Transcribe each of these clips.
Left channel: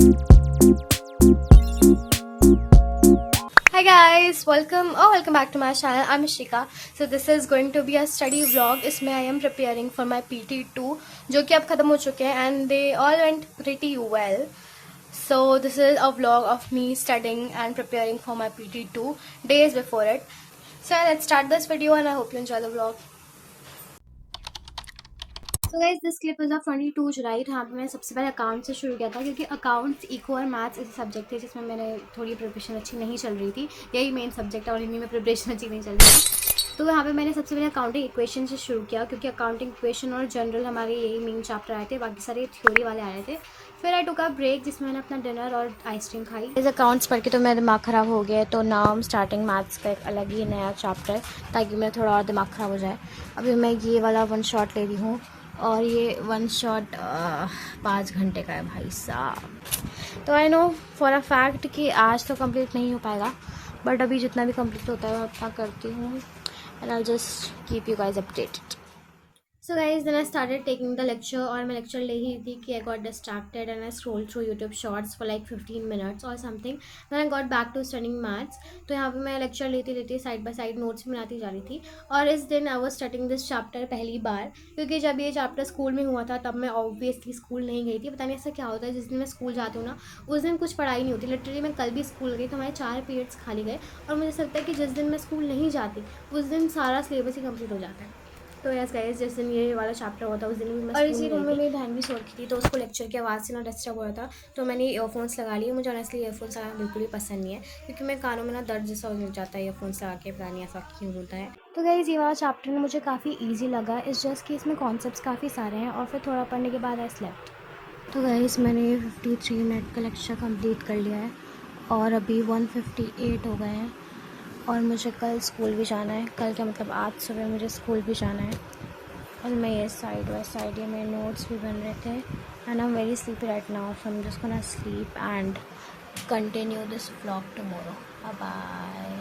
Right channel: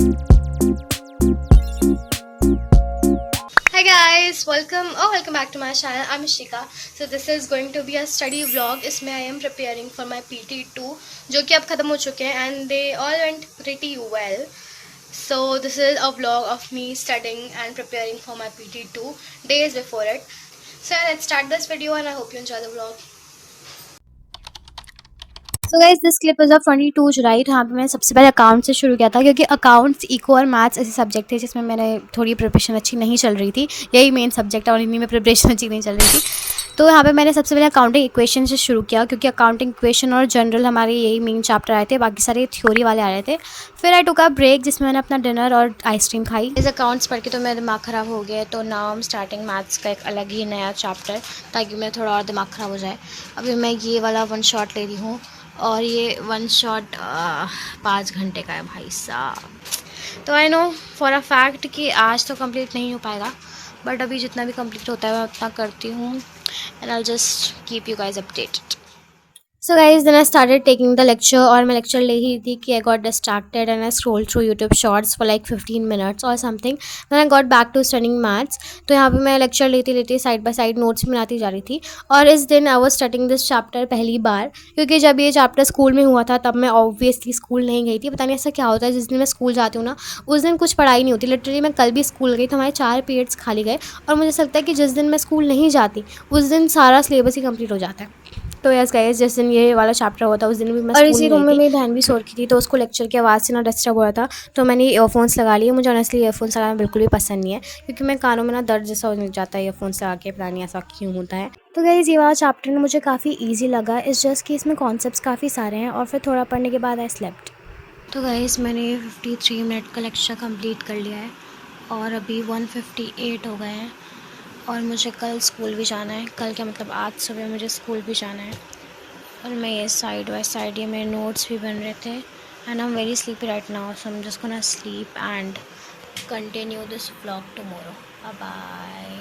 Hi guys, welcome back to my channel. I'm Ishika. So this is going to be a study vlog. इसमें I am preparing for my PT2 जो कि अब ख़त्म हो चुके हैं and they all went pretty well. So this is a vlog of me studying and preparing for my PT2 days before it. So let's start this video and I hope you enjoy the vlog. So guys this clip is of 22 जुलाई। तो यहाँ पे मैंने सबसे पहले account से शुरू किया था क्योंकि अकाउंट्स, इको और मैथ्स ऐसे सब्जेक्ट थे जिसमें मैंने थोड़ी प्रिपरेशन अच्छी नहीं चल रही थी। यही मेन सब्जेक्ट है और इन्हीं में प्रिपरेशन अच्छी नहीं चल रही थी। तो यहाँ पे मैंने सबसे पहले अकाउंटिंग इक्वेशन से शुरू किया क्योंकि अकाउंटिंग इक्वेशन और जनरल हमारे यही मेन चैप्टर आए थे, बाकी सारे थ्योरी वाले आ रहे थे। फिर आई टुक अ ब्रेक जिसमें मैंने अपना डिनर और आइसक्रीम खाई। इस अकाउंट्स पढ़ के तो मेरा दिमाग ख़राब हो गया, तो now I am starting maths का एक अलग ही नया चैप्टर ताकि मेरा थोड़ा और दिमाग ख़राब हो जाए। अभी मैं ये वाला वन शॉट ले रही हूँ और ये वन शॉट 5 घंटे का है भाई साहब। तो I know for a fact कि आज तो कंप्लीट नहीं हो पाएगा, बट अभी जितना भी कंप्लीट होता है मैं उतना करती हूँ and I just keep you guys updated. So guys then I started taking the lecture और मैं लेक्चर ले ही थी कि I got distracted and I scroll through YouTube shorts for like 15 minutes और something. Then I got back to studying maths. तो यहाँ पे मैं लेक्चर लेती लेती साइड बाय साइड नोट्स बनाती जा रही थी और इस दिन I was starting this chapter पहली बार, क्योंकि जब ये चैप्टर स्कूल में हुआ था तब मैं ऑब्वियसली स्कूल नहीं गई थी। पता नहीं ऐसा क्या होता है, जिस दिन मैं स्कूल जाती हूँ ना उस दिन कुछ पढ़ाई नहीं होती। लिटरली मैं कल भी स्कूल गई तो हमारे 4 पीरियड्स खाली गए और मुझे ऐसा लगता है कि जिस दिन मैं स्कूल नहीं जाती उस दिन सारा सिलेबस ही कंप्लीट हो जाता है। तो यस गाइस, जिस दिन ये वाला चैप्टर हुआ था उस दिन भी मैं और इसी रूम में मेरी बहन भी सो रखी थी, तो उसको लेक्चर की आवाज़ से ना डिस्टर्ब हो रहा था, तो मैंने ईयरफोन्स लगा लिए। मुझे ऑनेस्टली ईयरफोन्स लगाना बिल्कुल भी पसंद नहीं है क्योंकि मेरे कानों में ना दर्द जैसा हो जाता है ईयरफोन्स लगा के, पता नहीं ऐसा क्यों होता है। तो गाइस ये वाला चैप्टर मुझे काफ़ी ईजी लगा, इस जस्ट कि इसमें कॉन्सेप्ट्स काफ़ी सारे हैं और फिर थोड़ा पढ़ने के बाद आई स्लेप्ट। तो गाइस मैंने 53 मिनट का लेक्चर कंप्लीट कर लिया है और अभी 158 हो गए हैं और मुझे कल स्कूल भी जाना है। कल क्या मतलब आज सुबह मुझे स्कूल भी जाना है और मैं ये साइड बाय साइड ये मेरे नोट्स भी बन रहे थे and I am very sleepy right now, so I am just gonna sleep and continue this vlog tomorrow. Bye.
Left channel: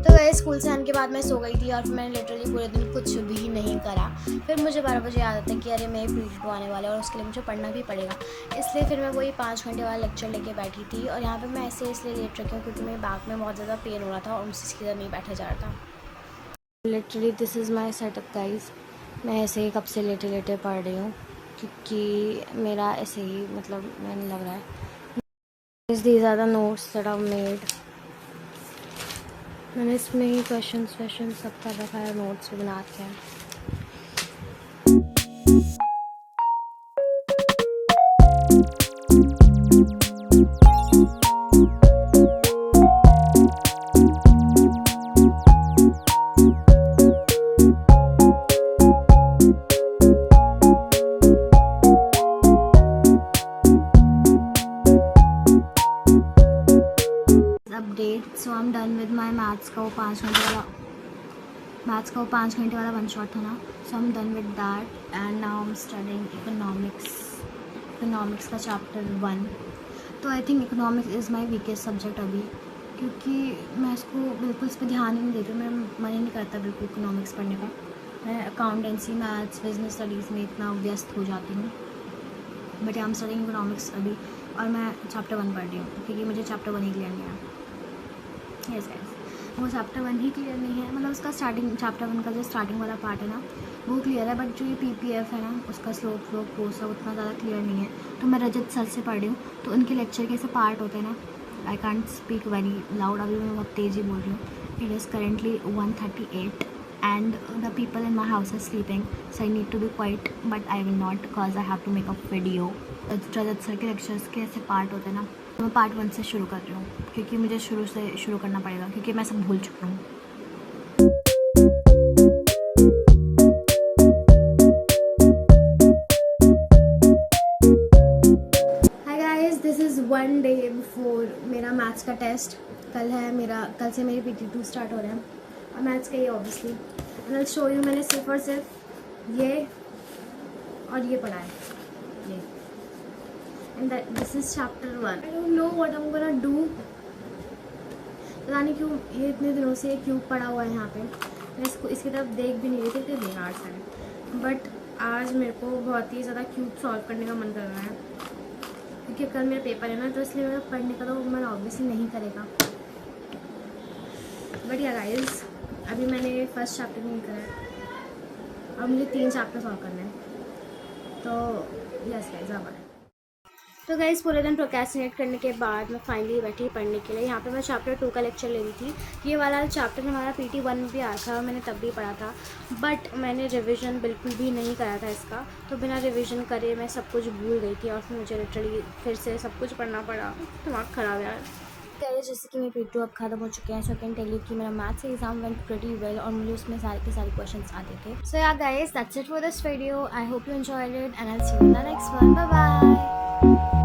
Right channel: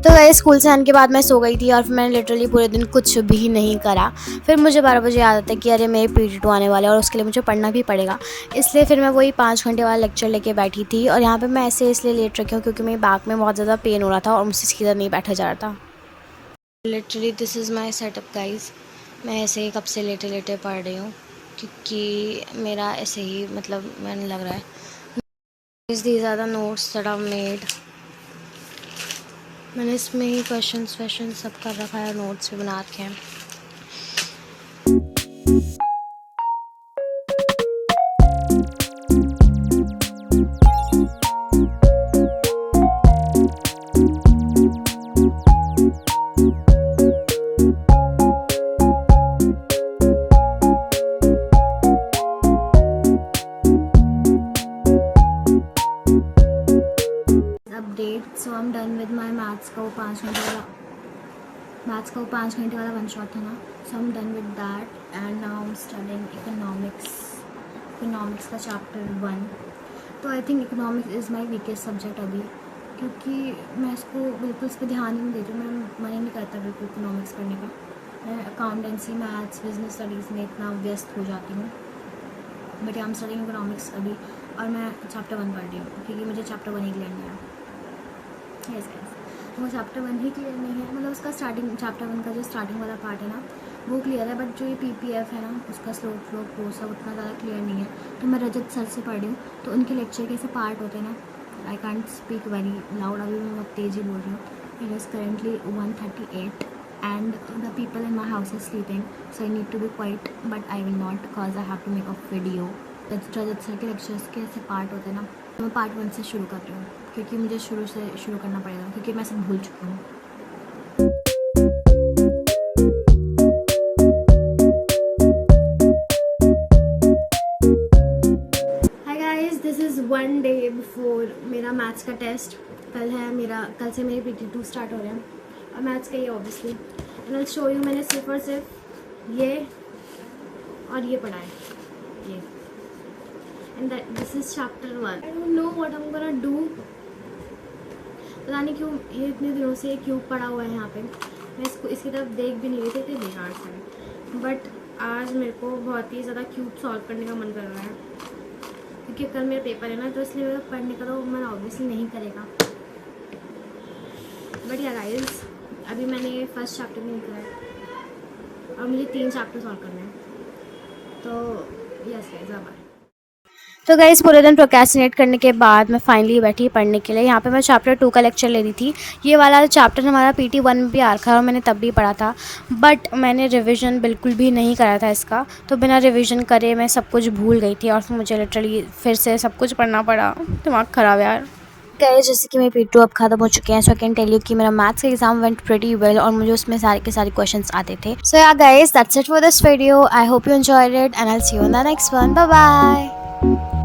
तो गए स्कूल से आने के बाद मैं सो गई थी और फिर मैंने लिटरली पूरे दिन कुछ भी नहीं करा। फिर मुझे 12 बजे याद आता है कि अरे मेरे PT2 आने वाले और उसके लिए मुझे पढ़ना भी पड़ेगा, इसलिए फिर मैं वही 5 घंटे वाला लेक्चर लेके बैठी थी। और यहाँ पे मैं ऐसे इसलिए लेट रखी हूँ क्योंकि मेरे बैक में बहुत ज़्यादा पेन हो रहा था और मुझसे सीधा नहीं बैठा जा रहा था। Literally this is my setup guys. मैं ऐसे ही कब से लेटे लेटे पढ़ रही हूँ क्योंकि मेरा ऐसे ही मतलब मैंने लग रहा है these are the notes that I made. मैंने इसमें ही क्वेश्चंस सब कर रखा है, नोट्स भी बना रखे हैं। Update, so I am done with my maths का वो 5 घंटे वाला वन शॉट था ना, so I am done with that and now I am studying economics का चैप्टर 1। तो I think economics is my weakest subject अभी, क्योंकि मैं इसको बिल्कुल इस पर ध्यान ही नहीं देती हूँ। मेरा मन ही नहीं करता बिल्कुल इकोनॉमिक्स पढ़ने का। मैं अकाउंटेंसी, मैथ्स, बिजनेस स्टडीज़ में इतना व्यस्त हो जाती हूँ। But I am studying economics अभी और मैं चैप्टर 1 पढ़ रही हूँ क्योंकि मुझे चैप्टर 1 ही क्लियर नहीं है। यस गाइस, वो चैप्टर 1 ही क्लियर नहीं है, मतलब उसका चैप्टर 1 का जो स्टार्टिंग वाला पार्ट है ना वो क्लियर है, बट जो ये PPF है ना उसका स्लोप वो सब उतना ज़्यादा क्लियर नहीं है। तो मैं रजत सर से पढ़ रही हूँ, तो उनके लेक्चर के ऐसे पार्ट होते हैं ना, I can't speak very loud, अभी मैं बहुत तेज़ी बोल रही हूँ। It is currently 1:38 and the people in my house are sleeping, so I need to be quiet, but I will not because I have to make a video. Rajat sir के lectures के ऐसे पार्ट होते हैं ना, तो मैं part 1 से शुरू कर रही हूँ क्योंकि मुझे शुरू से शुरू करना पड़ेगा क्योंकि मैं सब भूल चुकी हूँ। Hi guys, this is 1 day before मेरा मैथ्स का टेस्ट। कल से मेरे PT2 स्टार्ट हो रहे हैं मैथ्स का ये obviously, and I show you मैंने सिर्फ और सिर्फ ये और ये पढ़ा है, ये, and this is chapter 1। I don't know what I am gonna do. पता नहीं क्यों ये इतने दिनों से क्यूब पड़ा हुआ है यहाँ पे, मैं इसकी तरफ देख भी नहीं रही थी, इतने बेकार सा है। बट आज मेरे को बहुत ही ज़्यादा क्यूब सॉल्व करने का मन कर रहा है, क्योंकि कल मेरा पेपर है ना, तो इसलिए मेरा पढ़ने का तो मन ऑब्वियसली नहीं करेगा। बट या गाइस, अभी मैंने फर्स्ट चैप्टर नहीं करा है और मुझे 3 चैप्टर सॉल्व करना है, तो यस गाइस अब आए। तो गाइस पूरे दिन प्रोक्रेस्टिनेट करने के बाद मैं फाइनली बैठी पढ़ने के लिए। यहाँ पे मैं चैप्टर 2 का लेक्चर ले रही थी। ये वाला चैप्टर हमारा PT 1 में भी आ रखा है और मैंने तब भी पढ़ा था, बट मैंने रिवीजन बिल्कुल भी नहीं करा था इसका, तो बिना रिवीजन करे मैं सब कुछ भूल गई थी और फिर मुझे लिटरली फिर से सब कुछ पढ़ना पड़ा। दिमाग ख़राब यार। गाइस जैसे कि मेरे PT अब ख़त्म हो चुके हैं, सो आई कैन टेल यू कि मेरा मैथ्स का एग्जाम वेंट प्रीटी वेल और मुझे उसमें सारे के सारे क्वेश्चंस आते थे। So yeah guys that's it for this video. I hope you enjoyed it and I will see you in the next one. Bye bye.